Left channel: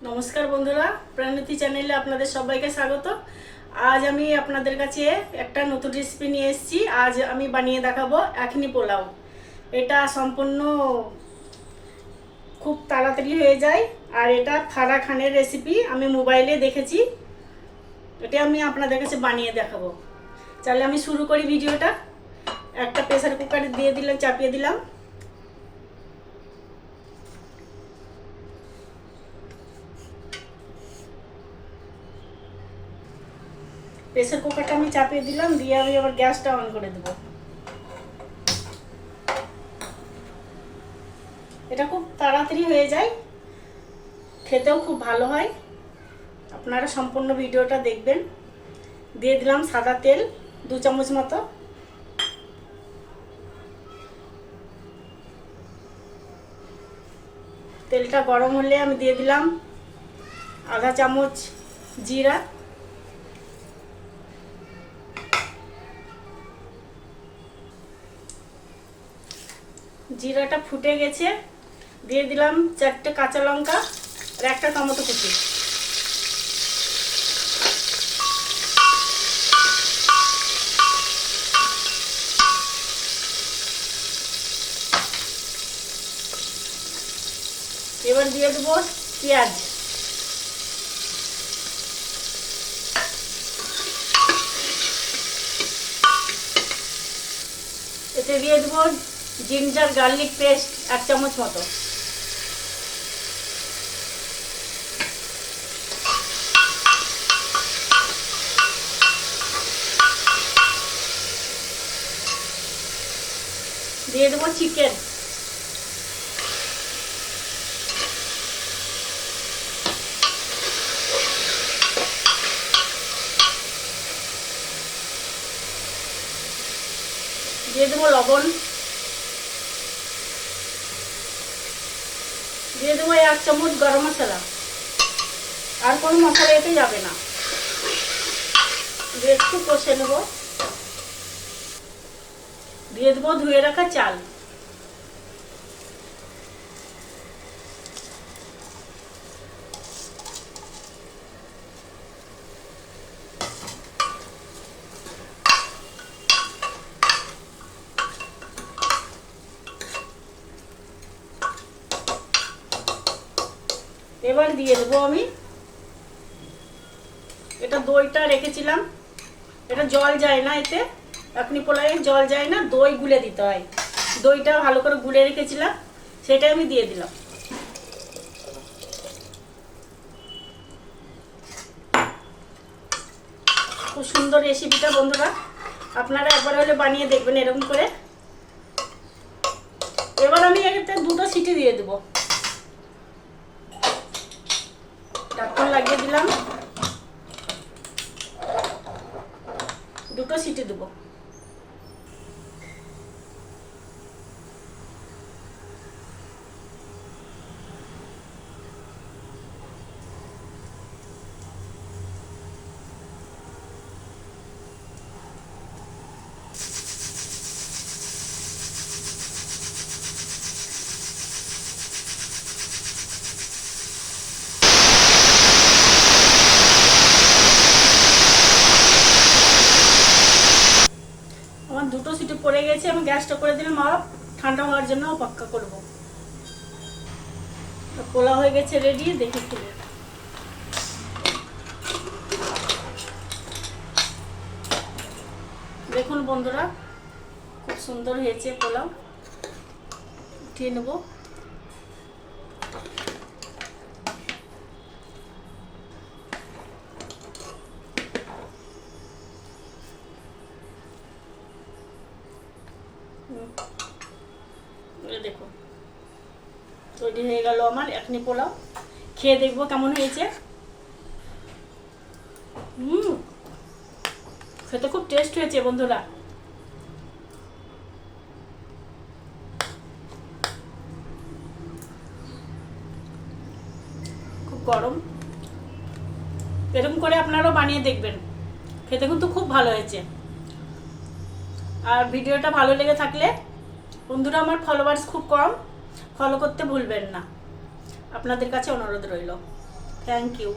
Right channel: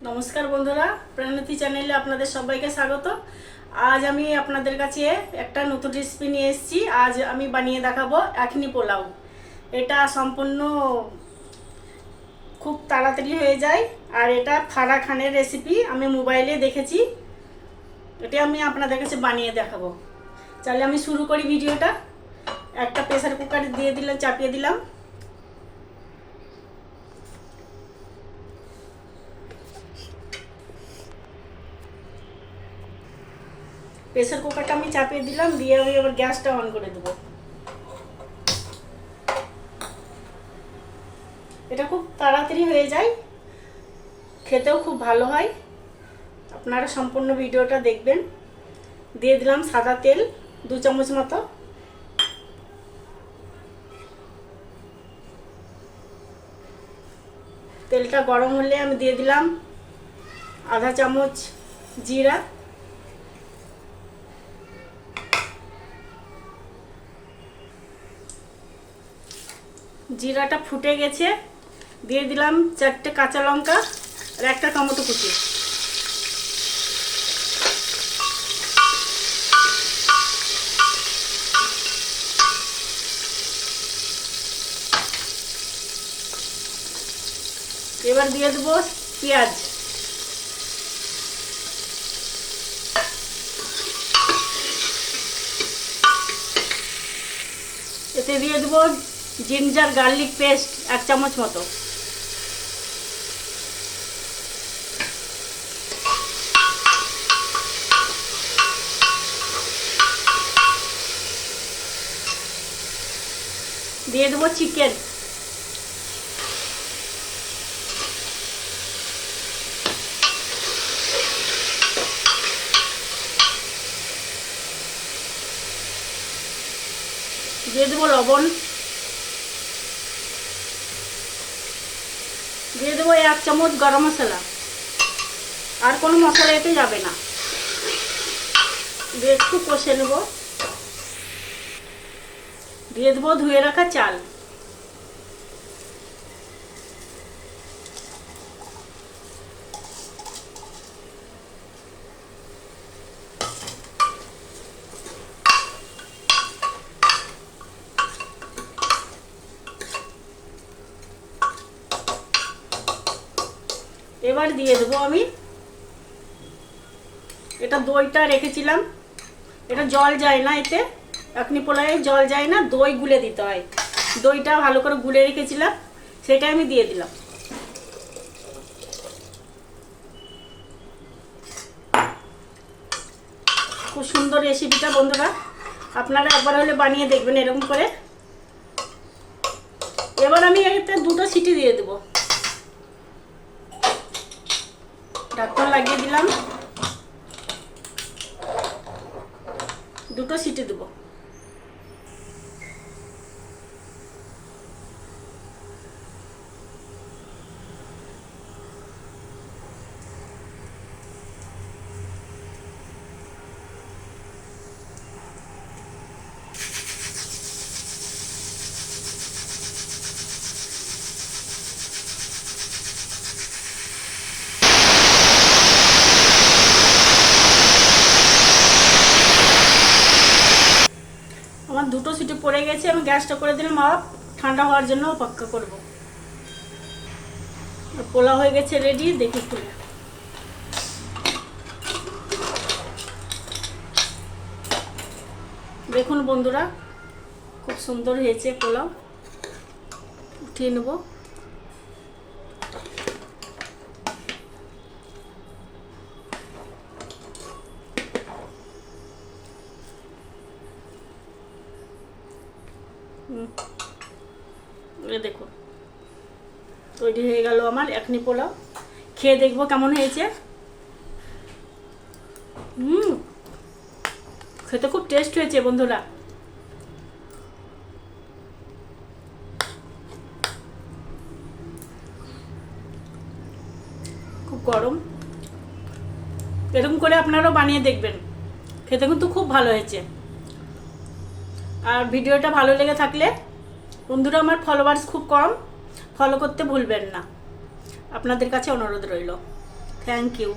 নমস্কার বন্ধুরা, প্রাণতি চ্যানেলে আপনাদের সবাইকে স্বাগত। আজ আমি আপনাদের কাছে একটা নতুন রেসিপি নিয়ে এসেছি। আজ আমি বানিয়ে দেখাবো এখনি পোলাও। এটা সম্পূর্ণ খুব তাড়াতাড়ি হয়ে যায়, আর এটা ফারাহ খানের রেসিপি। আমি মোবাইলে দেখেছি, এটা আমি আপনাদের কাছে বানিয়ে দেখাবো। তাহলে আমি শুরু করি ভিডিওটা। একটা প্রেসার কুকারে দিয়ে দিলাম, চাপিয়ে দিলাম। প্রেসার কুকারটা আমি চাপিয়ে দিলাম, দিয়ে আমি আবার গ্যাসটা অন করে দেবো। এটা খুব তাড়াতাড়ি হয়ে যায়, খেতেও খুব ভালো হয়। আপনারা সম্পূর্ণ ভিডিওটা দেখবেন। দিয়ে দিলাম সাদা তেল 2 চামচ মতো। তেলটা গরম হলে আমি দিয়ে দিলাম আধা চামচ জিরা, জিরাটা ফুটে গেছে। দিয়ে দিলাম 4টে কাঁচা লঙ্কা আর একটা টমেটো কুচি। এবার দিয়ে দেবো পেঁয়াজ। এতে দিয়ে দেবো জিঞ্জার গার্লিক পেস্ট 1 চামচ মতো। দিয়ে দেবো চিকেন। দিয়ে দেবো লবণ। দিয়ে দেবো 1 চামচ গরম মশলা। আর কোনো মশলা এতে যাবে না। দিয়ে একটু কষে নেব। দিয়ে দেবো ধুয়ে রাখা চাল। এবার দিয়ে দেবো আমি এটা দইটা রেখেছিলাম। এটা জল যায় না, এতে এখনি পোলাওয়ে জল যায় না, দই গুলে দিতে হয়। দইটা ভালো করে গুলে রেখেছিলাম, সেটা আমি দিয়ে দিলাম। খুব সুন্দর রেসিপিটা বন্ধুরা, আপনারা একবার হলে বানিয়ে দেখবেন এরকম করে। এবার আমি এতে 2টো সিটি দিয়ে দেবো। ঢাকন লাগিয়ে দিলাম, 2টো সিটি দেবো। আমার 2টো সিটি পড়ে গেছে, আমি গ্যাসটা করে দিলাম। আর ঠান্ডা হওয়ার জন্য অপেক্ষা করব। পোলাও হয়ে গেছে রেডি, দেখি খুলে। দেখুন বন্ধুরা, খুব সুন্দর হয়েছে পোলাও। উঠিয়ে নেব। দেখো তৈরি হয়ে গেল আমার এখনি পোলাও। খেয়ে দেখবো কেমন হয়েছে। খেতে খুব টেস্ট হয়েছে বন্ধুরা। খুব গরম, এরকম করে আপনারাও বানিয়ে দেখবেন, খেতে কিন্তু খুব ভালো হয়েছে। আর ভিডিওটা ভালো লেগে থাকলে বন্ধুরা, আমার ফলোয়ার্স খুব কম, ফলো করতে ভুলবেন না। আপনাদের কাছে অনুরোধ রইল। Thank you.